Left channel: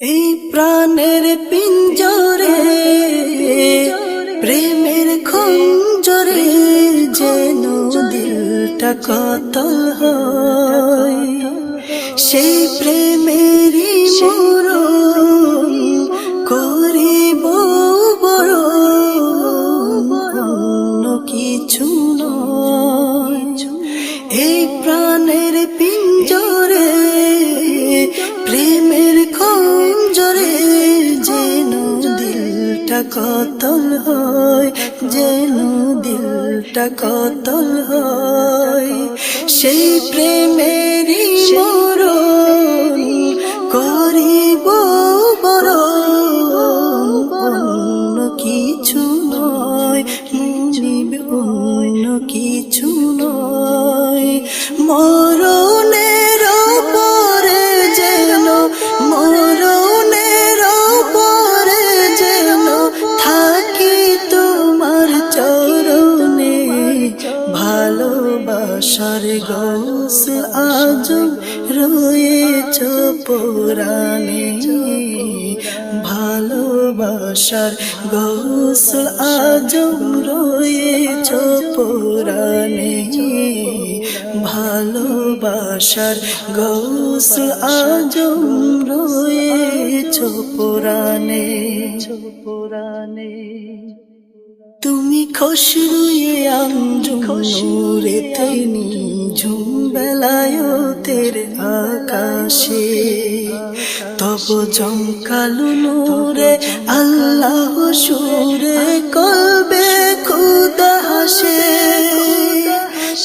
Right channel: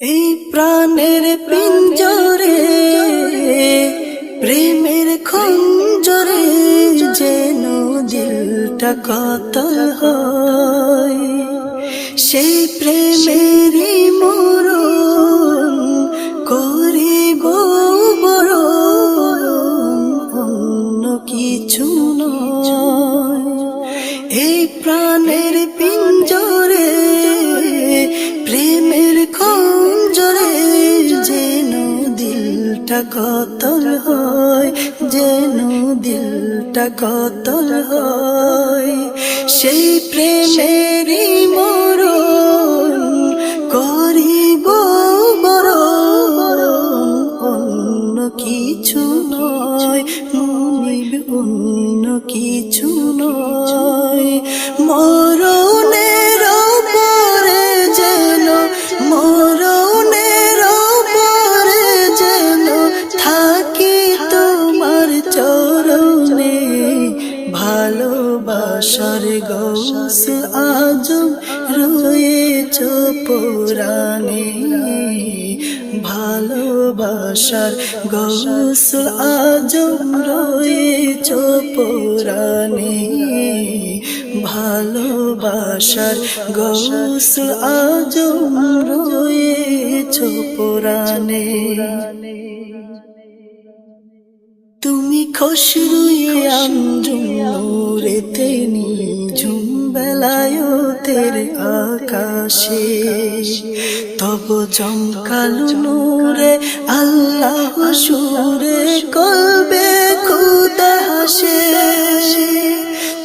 এই প্রাণের পিঞ্জরে প্রেমের খঞ্জরে যেন দিলটা কাতল হয়, সেই প্রেমেরই মরণ করিব বরণ, অন্য কিছু নয়। এই প্রাণের পিঞ্জরে প্রেমের খঞ্জরে যেন দিলটা কাতল হয়, যেন দিলটা কাতল হয়, সেই প্রেমেরই মরণ করিব বরণ, অন্য কিছু নয় মুনিব, অন্য কিছু নয়। মরণের পরে যেন, মরণের পরে যেন থাকি তোমার চরণে, ভালোবাসার গৌসল আজম রয়েছ পরাণে, ভালোবাসার গৌসল আজম রয়েছ পরাণে, ভালোবাসার গৌসল আজম রয়েছ পরাণে। তুমি খসরুয়ে আঞ্জুম নূরেতে নিঝুম বেলায়েতের আকাশে, তব জমকালো নূরে আল্লাহ সুরে কলবে খোদা হাসে।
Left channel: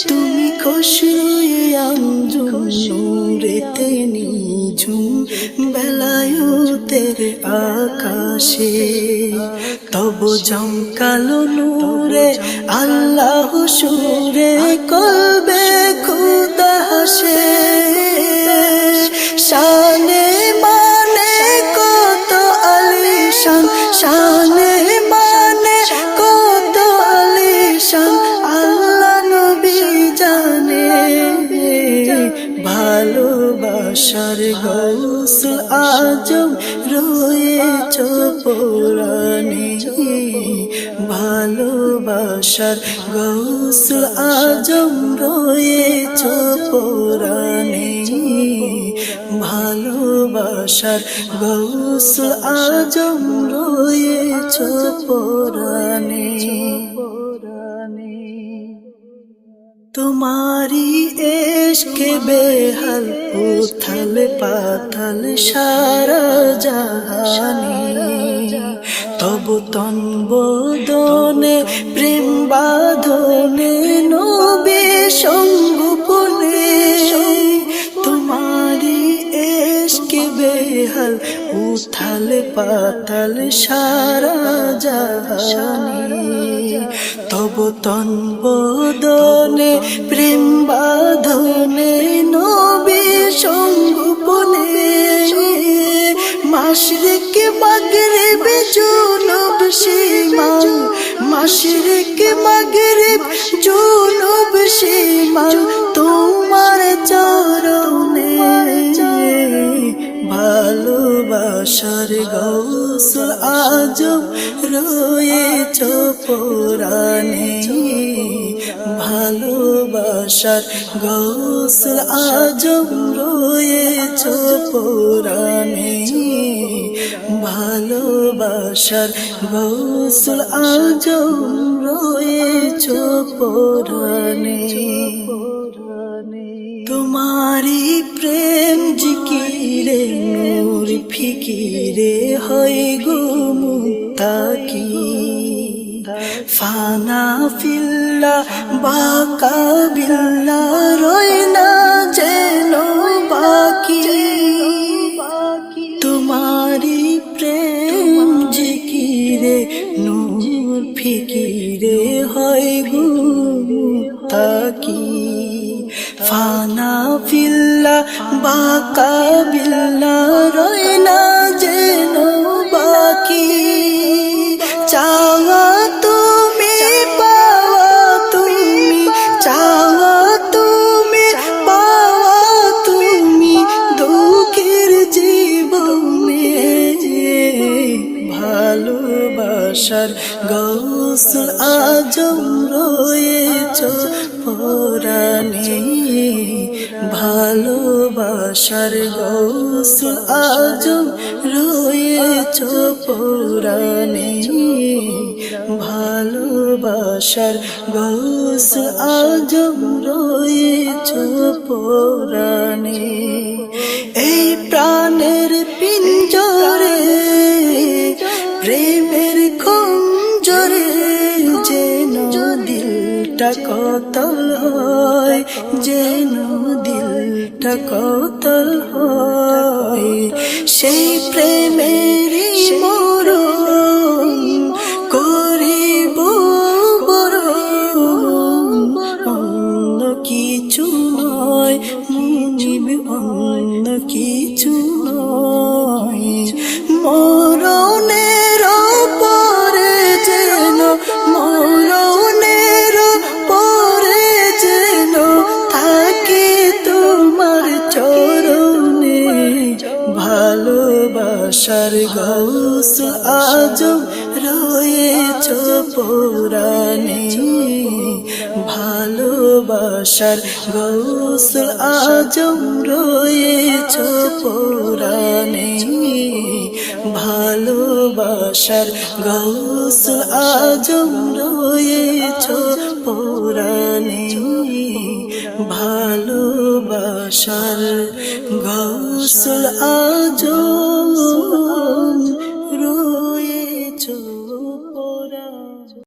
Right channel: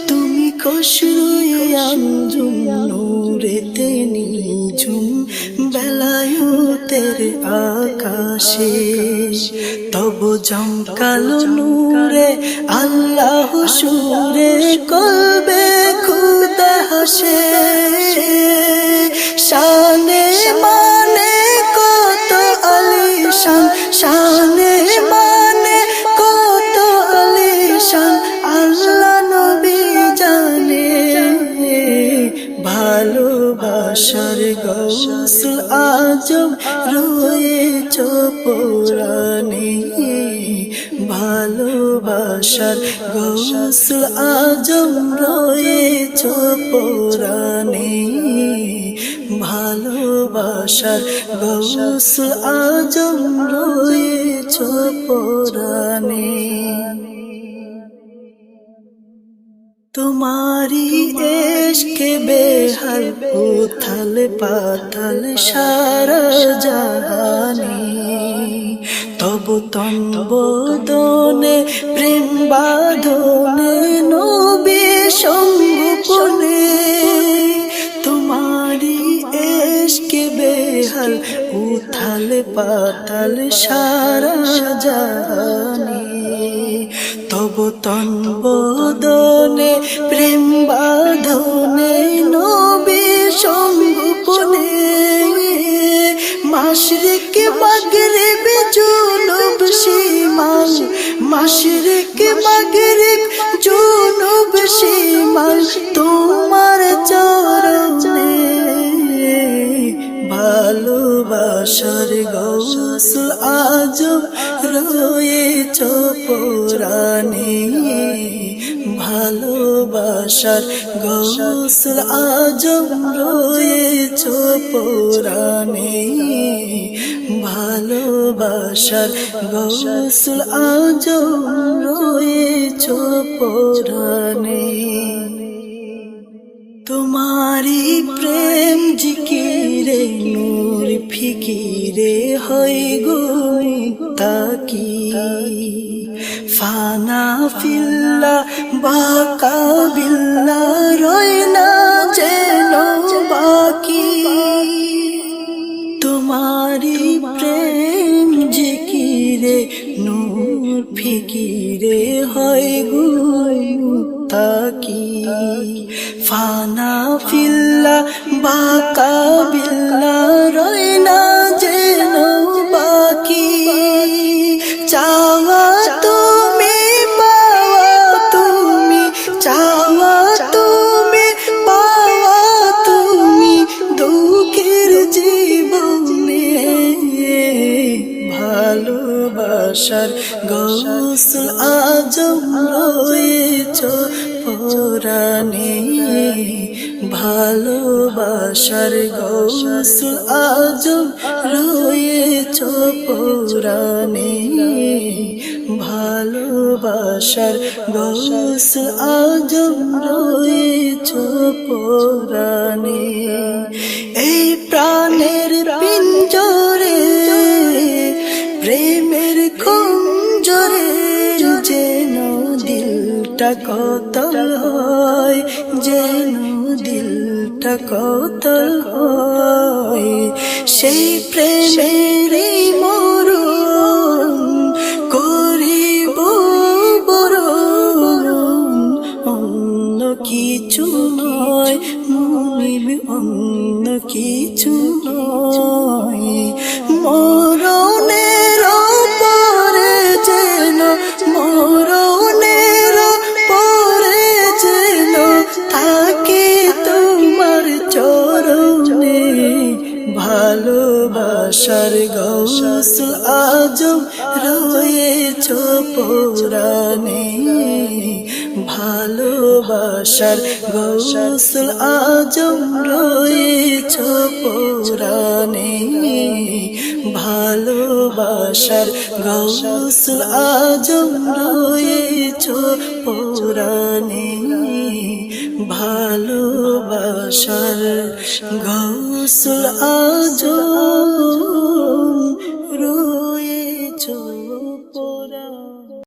তুমি খসরুয়ে আঞ্জুম নূরেতে নিঝুম বেলায়েতের আকাশে, তব জমকালো নূরে আল্লাহ সুরে কলবে খুদা হাসে। শানে মানে কত আলিশান, শানে মানে কত আলিশান আল্লাহ নবী জানে, ভালোবাসার গৌসল আজম রয়েছ পরাণে, ভালোবাসার গৌসল আজম রয়েছ পরাণে, ভালোবাসার গৌসল আজম রয়েছ পরাণে। তোমারি এশকে বেহাল উথাল পাতাল সারা জাহানে, তব তন বদনে প্রেম বাঁধনে নবী সঙ্গোপনে। তোমারি এশকে বেহাল উথাল পাতাল সারা জাহানে, তব তন বদনে প্রেম বাঁধনে নবী সঙ্গোপনে। মাশরিক মাগরিব জুনুব শিমাল, মাশরিক মাগরিব জুনুব শিমাল তোমার চরণে, ভালোবাসার গৌসল আজম রয়েছ পরাণে, ভালোবাসার গৌসল আজম রয়েছ পরাণে, ভালোবাসার গৌসল আজম রয়েছ পরাণে। তোমারি প্রেম জিকিরে নূর ফিকিরে হয় গো মুত্তাকি, ফানা ফিল্লা বাকা বিল্লা রয় না যেন বাকি। তোমারি প্রেম জিকিরে নূর ফিকিরে হয় গো মুত্তাকি, ফানা ফিল্লা বাকা বিল্লা রয় না যেন বাকি। চাওয়া তুমি পাওয়া তুমি, চাওয়া তুমি পাওয়া তুমি, দুঃখের জীবনে ভালোবাসার গৌসুল আজম রয়েছ পরাণে, ভালোবাসার গৌসুল আজম রয়েছ পরাণে, ভালোবাসার গৌসুল আজম রয়েছ পরাণে। এই প্রাণের পিঞ্জরে প্রেমের খঞ্জরে যেন দিলটা কতল হয়, যেন দিলটা কতল হয়, সেই প্রেমেরই মরণ করিব বরণ, অন্য কিছু নয় মুনিব, অন্য কিছু নয়। মরণের পরে যেন, মরণের পরে যেন থাকে তোমার চরণে, ভালোবাসার গৌসুল আজম রয়েছ পরাণে, ভালোবাসার গৌসুল আজম রয়েছ পরাণে, ভালোবাসার গৌসুল আজম রয়েছ পরাণে, ভালোবাসার গৌসুল আজম